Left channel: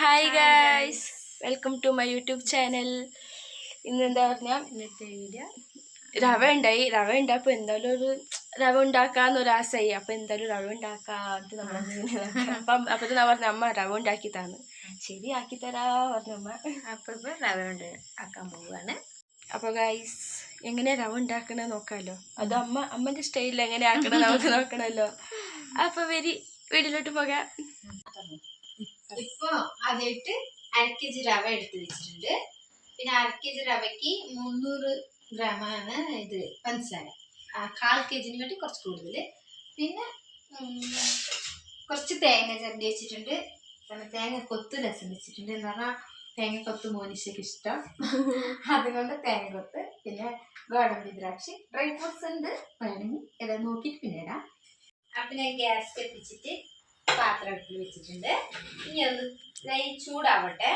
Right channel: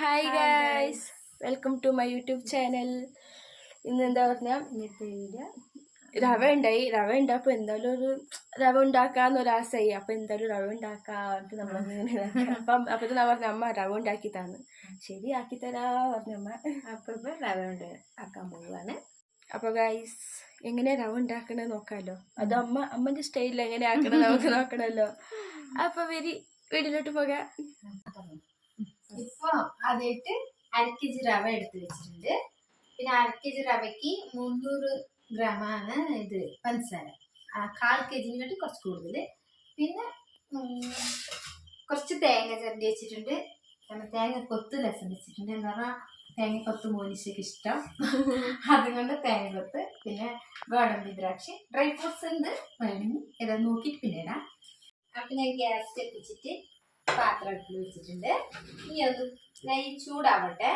Hi hi guys, guys. Welcome to my YouTube channel. ഇന്ന് എന്താ പറഞ്ഞാൽ ഇന്നത്തെ വീഡിയോ റവ ഉണ്ടാകുമ്പോൾ എന്തായാലും ഒരു റവ ഉണ്ടാക്കാന്നൊരാശയായി. അപ്പോൾ എന്തായാലും റവ ഉണ്ടാക്കാത്ത നമ്മളിങ്ങനെ അപ്പോൾ ഞാൻ പറഞ്ഞ അമ്മ റവ ഉണ്ടാക്കി തന്നു. ശരി ആക്കി തരാ പറഞ്ഞമ്മ. അപ്പോൾ ഇപ്പോൾ റവ കൊണ്ട് ആക്കാൻ പോവുകയാണ്. അപ്പോൾ ഗൈസ്, എങ്ങനെ റവ ഉണ്ടാക്കണമെന്ന് നോക്കാമല്ലോ. അത് അമ്മൻ്റെ സ്റ്റൈലിൽ എങ്ങനെ ആക്കണം നമുക്ക് നോക്കണമല്ലോ. അപ്പോൾ വീട്ടിലോട്ട് പോകാം. ഇപ്പോൾ ആദ്യമായിട്ട് 1/2 kg റവ എടുത്ത് വെച്ചിട്ടുണ്ട്. പിന്നെ 1/2 kg റവയ്ക്ക് 300 ഗ്രാമാണ് ഇത് പഞ്ചസാര. 1/4 kg കാട്ടി കുറച്ച് കൂടുതൽ. പിന്നെ കുറച്ച് തേങ്ങ ചിരണ്ടി വെച്ചിട്ടുണ്ട്. പിന്നെ തേങ്ങ കൊത്ത് രസം വെച്ചിട്ടുണ്ട്. എന്താ പറഞ്ഞാൽ തേങ്ങ കൊത്ത് മോനിഷയ്ക്ക് ഇഷ്ടം, അതുകൊണ്ട് തേങ്ങ കൊത്ത്. പിന്നെ ഗോതമ്പ് ദ്രാക്ഷി, ഡ്രൈ ഫ്രൂട്ട്സ് ഉണ്ട്, വേണമെങ്കിൽ ഏതാ നോക്കിയിട്ട് പിന്നെ ഇടാം. അപ്പം ഞാൻ ഗ്യാസ് കത്തിച്ചിട്ട് പാത്രം അടുപ്പിൽ വെച്ചിട്ടുണ്ട്. ഇനി അത് നെയ്യ് ചൂടാവട്ടെ.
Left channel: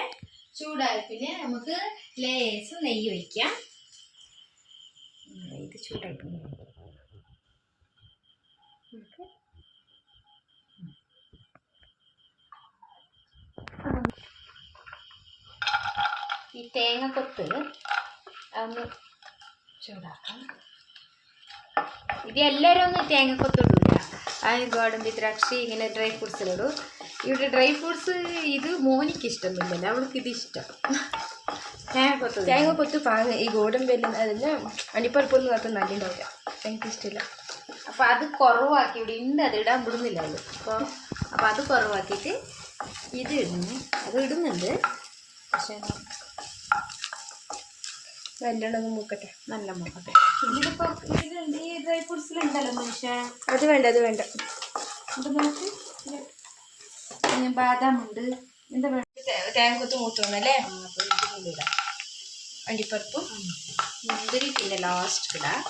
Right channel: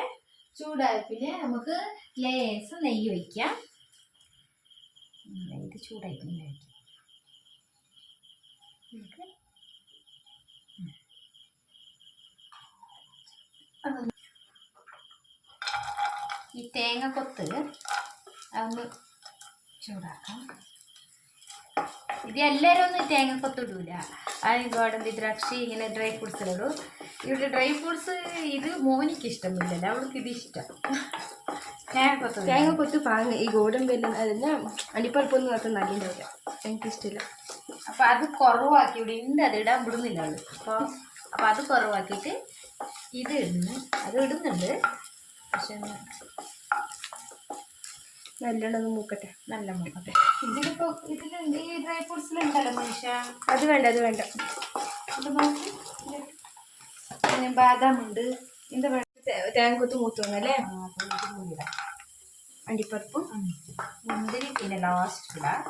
ചൂടായ പിന്നെ നമുക്ക് ലേശം നെയ്യ് ഒഴിക്കാം. ഇത് ചൂടായി ഈ തേങ്ങ കൊത്ത് അതൊന്ന് ചൂടാക്കാം. ഇത് എല്ലാവരും ഒന്നും തേങ്ങ കൊത്ത് ഇടൂല. ഗോതമ്പ് ദ്രാക്ഷി ഇങ്ങനെ ഡ്രൈ ഫ്രൂട്ട്സിലിടും. ഇവിടെ ഡ്രൈ ഫ്രൂട്ട്സ് ഇത് മോനിക്ക് ഇഷ്ടമൊന്നുമില്ലല്ലോ, അവൾക്ക് ഇത് ഇഷ്ടം. തേങ്ങ കൊത്ത് പാങ്ങ ഈ ഗോതമ്പെല്ലാം അതെല്ലാം അടിപ്പറപ്പൊന്നും അത്ര നല്ല ഉണ്ടാവില്ല, എനിക്ക് ഇഷ്ടമില്ല. അപ്പോൾ അത് കുറവാക്കി ഇവിടെ ഉണ്ട്, അത് ഇടാൻ വിടുന്നില്ല അവള്. അപ്പോൾ അത് കുറവാക്കിയിട്ട് ഇത് ഇടുന്നു. അത് ഇടുന്നുണ്ട്, പക്ഷെ നല്ലോണം മൂക്കട്ടെ. നല്ല മൂക്കട്ടെ. ഇതിലിപ്പോൾ ഇതിലുണ്ട്, ഈ ഡ്രൈ ഫ്രൂട്ട്സിലുണ്ടല്ലോ മനുഷ്യ. അത് വേണ്ട ഇത് നോക്കി. പിന്നെ ബാദാം ഉണ്ട്. എന്താ വേണ്ട, തേങ്ങ കൊത്ത് മൂത്തോന്നല്ലേ. അപ്പോൾ ഇതിനുള്ളിൽ ഇടാം. അണ്ടിപ്പരിപ്പും മുന്തിരി പിന്നെ ലാസ്റ്റ് ഇടാം.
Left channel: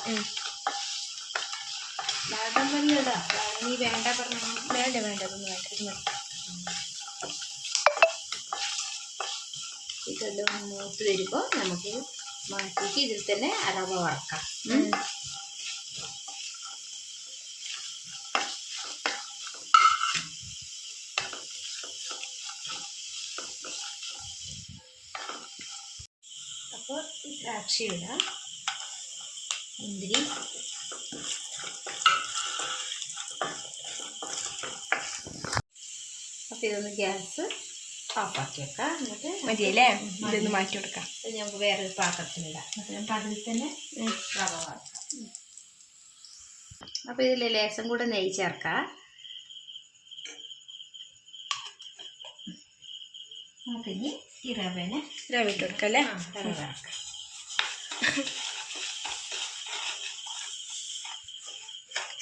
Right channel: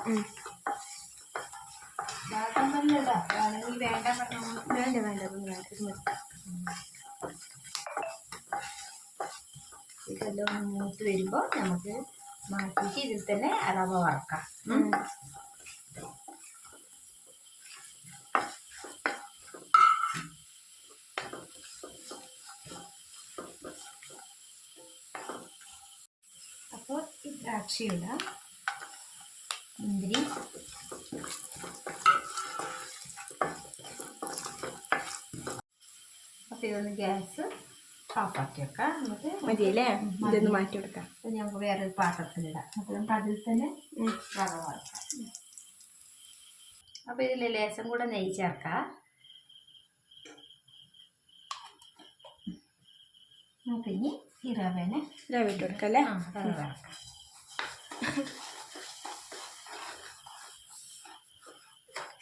ബാദാം തന്നെ ഇടാം. നീ വേണ്ട പറഞ്ഞു. വേണ്ട അതൊന്നും വേണ്ട, ഇത് മതി. ഇതെല്ലാം ഒന്ന് മൂത്ത് വരുമ്പോൾ നമുക്ക് മാറ്റിയിട്ട് ഇതിൽ തന്നെ റവ വറക്കാം. അപ്പോൾ ദ്രാക്ഷ ഇടാം, മുന്തിരി, അപ്പോൾ ഇതൊന്ന് ഗ്യാസ് ഓഫാക്കി വെക്കാം. എന്നിട്ട് മതിയല്ലേ, ഇതൊന്ന് മാറ്റി കൊടുക്കാം. ഞങ്ങൾക്ക് വേറൊരു പാത്രത്തിലിടാം. അപ്പോൾ നമുക്ക് അതിൽ തന്നെ റവ വറക്കാം. അപ്പോൾ ഇതിൽ ലേശം കൂടെ നെയ്യ് ചേർക്കാം. നമുക്കിനി ഈ റവനെ റവ ഇട്ട് കൊടുക്കാം അല്ലേ. റവ വറക്കാം.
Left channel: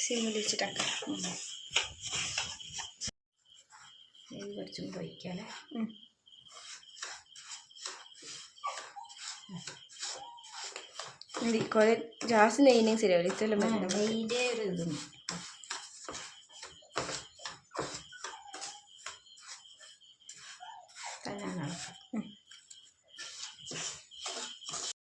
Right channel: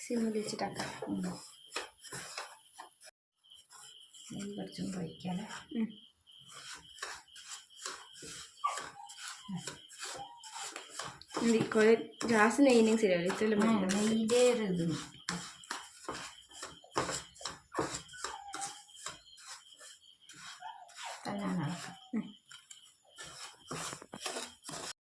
സിമ്മിൽ വെച്ചിട്ടാക്കാം. നെയ്യ് കുറച്ചും പൊയ്ക്കാലേ. കുറേ ജാസ്തി നെയ്യും ശരിയല്ല, ഇത്രയും മതി. നെയ്യിൻ്റെ ഒരു ഇത്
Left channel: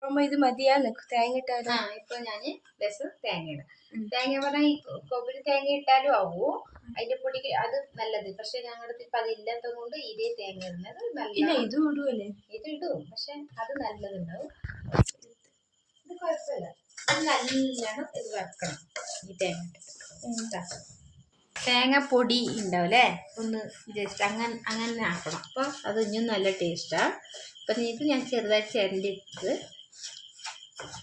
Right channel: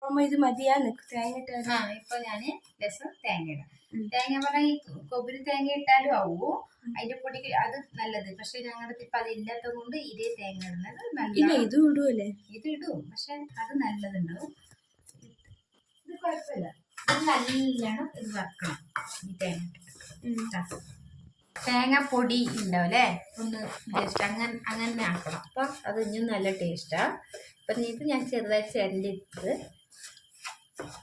അമ്മ ഇത് മതിയാ നിൽക്കും തേങ്ങ ഇട്ടാലും. ഇപ്പൊ ഞാൻ രസം തേങ്ങ ഇടാം. തേങ്ങ പറഞ്ഞാൽ ഈ കൊಬ್ಬരി തേങ്ങ ഇട്ടാലും ആവോ, അതിന്റെ പൊടി അത് നല്ലത്. പക്ഷെ ഞങ്ങളുടെ ഇപ്പൊ അതില്ലാത്തത് കൊണ്ട് ഇതേ തേങ്ങ ഇടുന്നത് നല്ല. ഇത് ഇടുവല്ലേ, ഇത് ഇടും, പക്ഷെ അത് നല്ലതുണ്ടാവും. ഇത് കുഴപ്പമില്ല. ഇത് നല്ലോണം ഇത് വറക്കണം. ഈ തേങ്ങ തേങ്ങ പൊടി ഉണ്ടാവില്ലേ, ഒന്ന് ജസ്റ്റ് അങ്ങനെ ആക്കണം. അപ്പോൾ അത് ഇനിയും നല്ല ടേസ്റ്റാണ്. അപ്പം ഇത് ഞാൻ ചെറുതായി ചിരണ്ടിട്ട്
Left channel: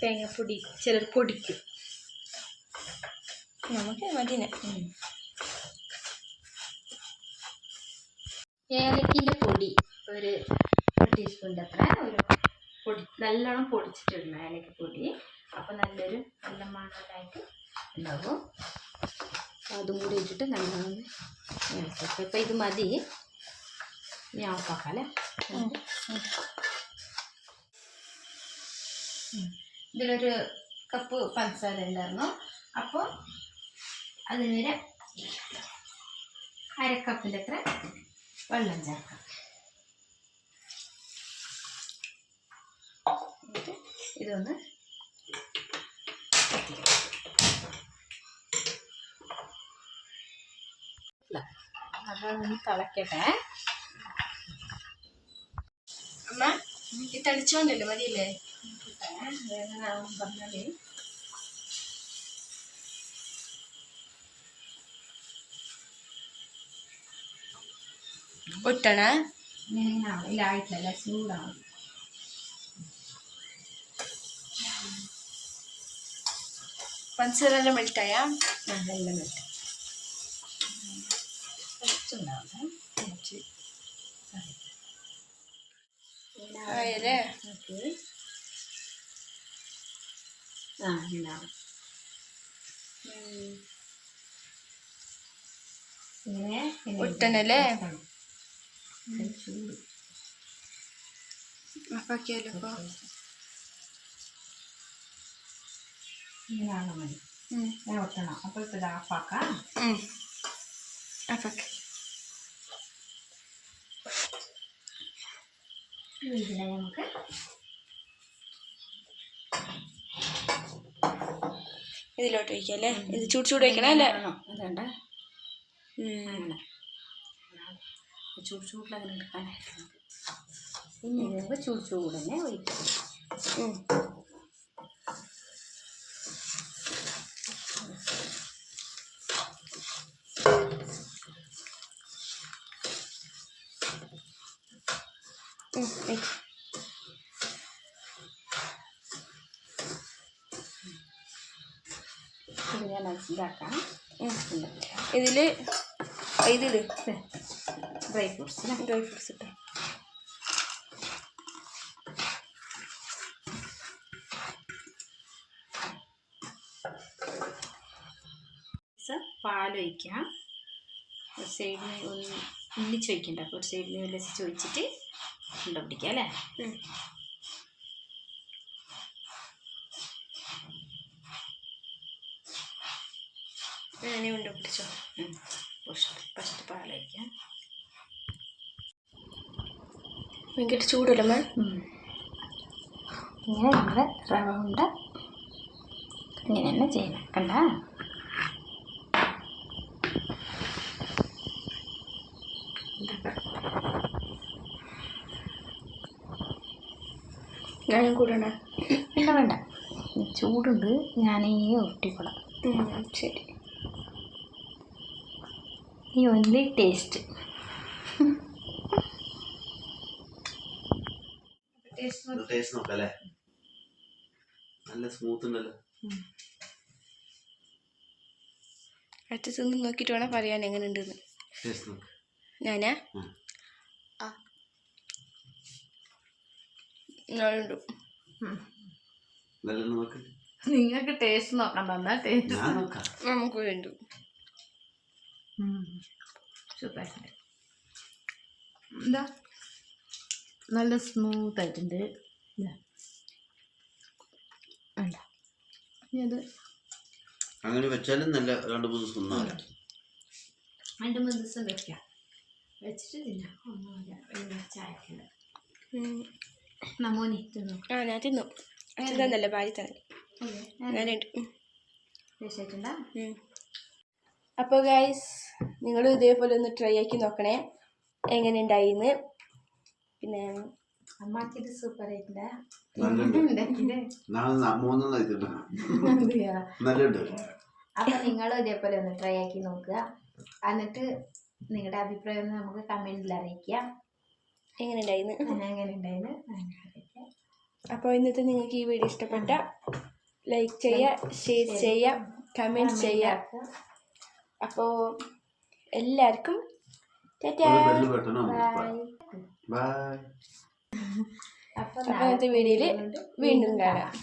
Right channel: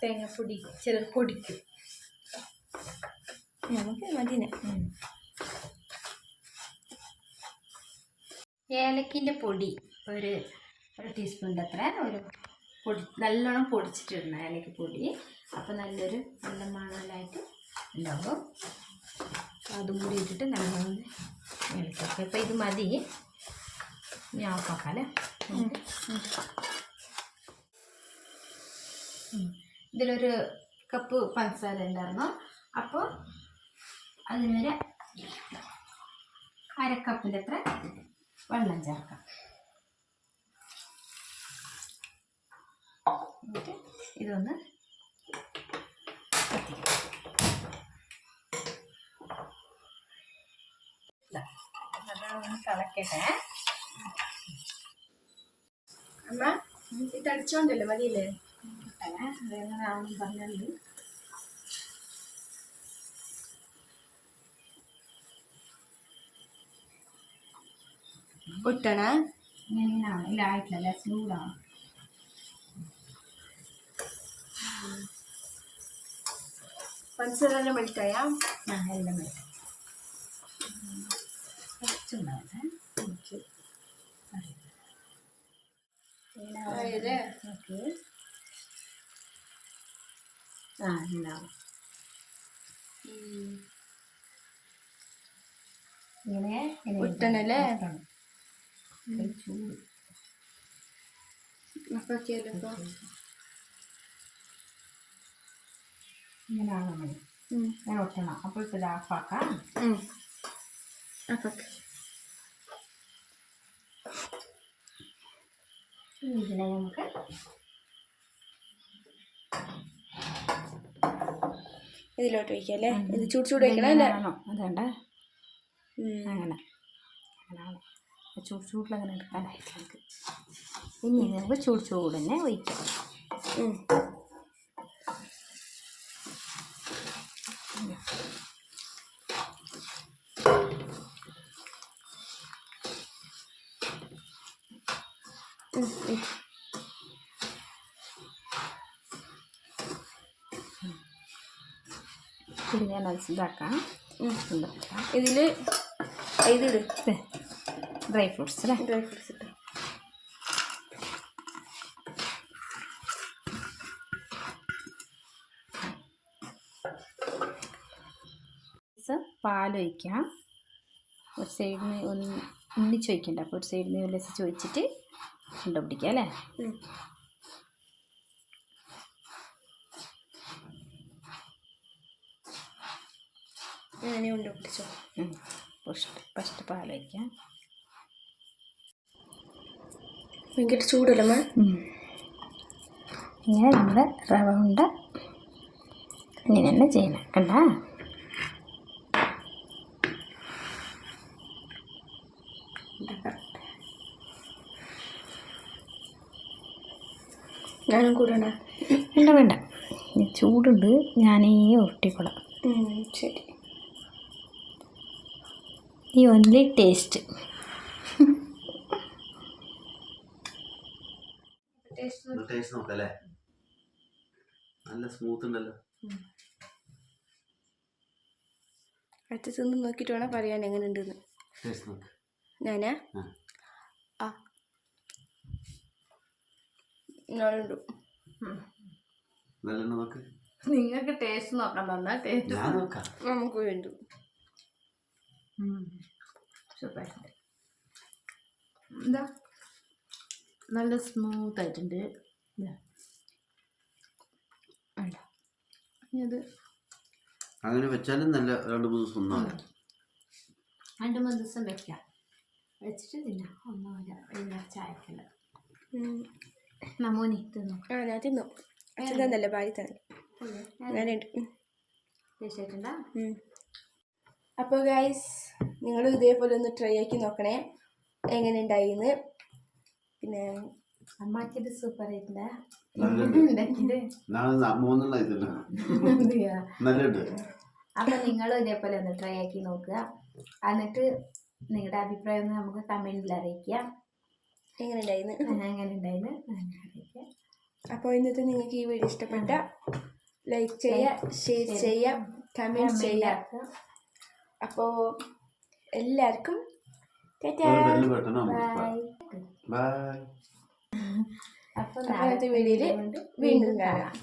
തേങ്ങപ്പൊടി ചിലർ പൊടിക്കും. നമുക്ക് മതിനെ. ഏലക്കിൻ്റെ പൊടി ഒരു ടീസ്പൂണിൻ്റെ അത്ര ഒരു പൊടി നല്ലോണം പൊടിച്ചിട്ടിടണം, ഏലക്ക പൊടി. അപ്പോൾ നല്ല മണലായിട്ട് ഉണ്ടാകും. അതും കൂടി ഇട്ടിട്ട് നല്ലോണം ഇളക്കാം. അപ്പോൾ ഇത് മതി, ഞാൻ ഓഫാക്കാം അല്ലേ. ഇതിലൊരു കപ്പ് പഞ്ചസാര ഉണ്ടായിരുന്നു. അപ്പോൾ അതിനൊരു 1/2 കപ്പിൻ്റെ അത്ര വെള്ളം ചേർക്കാം. എന്നിട്ട് ഇതൊന്ന് അതൊന്ന് തിളക്കട്ടെ. അമ്മ ഈ തളിച്ചോണ്ടല്ലേ മതിയില്ലേ? അതെങ്ങനെയാണെന്ന് പറഞ്ഞാൽ ഒട്ടണ ഇങ്ങനെയാണ്. ഇല്ലായിട്ടില്ല, ചൂടാണ്. പഞ്ചസാര മെൽറ്റായാ എല്ലാം വെട്ടാം. കുറച്ചുണ്ടാവട്ടെ. കുറച്ച് ആയല്ലേ? ഓക്കെ. ഉണ്ടാവും. ഇങ്ങനെ ഒട്ടണല്ലേ? ചൂട് അപ്പൊ കേട്ടോ ഇങ്ങനെയാണ് മതി. ഞാൻ ഒട്ടണം. അപ്പോൾ ഇപ്പോൾ ഇത് ഓഫാക്കാം. അപ്പൊ ഇതിനെ നമുക്ക് ഇതിലോട്ട് വയ്ക്കാം അല്ലേ? ഇത് ചൂട് വയ്ക്കണം അല്ലേ? അതുകൊണ്ട് അങ്ങനെ ചൂടിലങ്ങനെ എടുക്കാനായിട്ട് നമുക്ക് ഇനി നമുക്ക് ചൂട് തന്നെ ഒഴിക്കാം. പിന്നെ മനസ്സിലാക്കാം. ഇതില് ഇതില് ഡ്രൈ ഫ്രൂട്ട്സ് ഇട്ടോ. പാലൊഴിക്കാം. ഒരു സൈഡിന് ഒന്നിച്ച് വയ്ക്കണ്ട. അപ്പോൾ ഒരു സൈഡിന് വിലസിച്ച് ഒഴിച്ചിട്ട് ഉണ്ട പിടിക്കാം അല്ലേ? അങ്ങനെ ഉണ്ട പിടിച്ചോ. ഫസ്റ്റ് പാലൊഴിക്കാം. ഭയങ്കര ചൂടല്ലേ? ഇങ്ങനെ നമ്മുടെ റവ ഉണ്ട ഇങ്ങനെ തന്നെ ചെയ്യണം. കണ്ട ഞാനും കൂടണ? ഇല്ല, വേണ്ട. ചൂടുണ്ട്. ഞാനീ ഉരുട്ടിക്കൊള്ളാം. ശരി. ഈ ഓൺലി ടേസ്റ്റ്. ടേസ്റ്റ് നോക്കല്ലേ? നല്ല സ്മൂത്ത് ഉണ്ടല്ലോ. അടുത്ത് തിന്ന് നോക്കിയിട്ട് വേണം പറയാൻ എങ്ങനെ ഉണ്ടെന്ന്. ഞാനാ നിങ്ങൾക്ക് ടേസ്റ്റ് നോക്കാൻ തന്നാൽ നമുക്ക് വേണ്ടു. സൂപ്പർ. എന്താ നല്ല സ്മൂത്ത് ആയിട്ടുണ്ട്. അത് അങ്ങനെ വെച്ചാലും നല്ല 2-3 ദിവസം 2-3 ദിവസം വെക്കാം. വെച്ചിട്ട് തിന്നാം. ഒന്നുമില്ല, ചായക്കല്ല. നമ്മോനി തിന്നു. ഞാൻ തിന്നു. അച്ഛൻ തന്നല്ലേ? ഭാര്യ തന്നെ. അങ്ങനെയുണ്ട്. അപ്പോൾ ഗൈസ്, നിങ്ങളും ഇതേപോലെ ഒന്ന് ട്രൈ ആക്കി നോക്കണേ എങ്ങനെ ഉണ്ടായിന്ന്. പിന്നെ അമ്മാക്കിയത് സൂപ്പർ ആയിട്ടില്ല. അപ്പൊ നിങ്ങളും ഇതേപോലെ ഒന്ന് ട്രൈ ആക്കി നോക്കുക. എന്നിട്ട് നിങ്ങളുടെ അഭിപ്രായം നമുക്ക് കമന്റിൽ അറിയിക്കാം. എങ്ങനെ ഉണ്ടായിന്ന് അറിയിക്കാം. അപ്പോൾ ഇന്നത്തെ നിങ്ങൾക്ക് ഈ വീഡിയോ ഇഷ്ടപ്പെട്ട ലൈക്ക് ചെയ്യുക, ഷെയർ ചെയ്യുക, കമന്റ് ചെയ്യുക. അപ്പോൾ എല്ലാവർക്കും ബൈ. അപ്പോൾ നാളത്തെ വീഡിയോയിൽ വീണ്ടും കാണാം.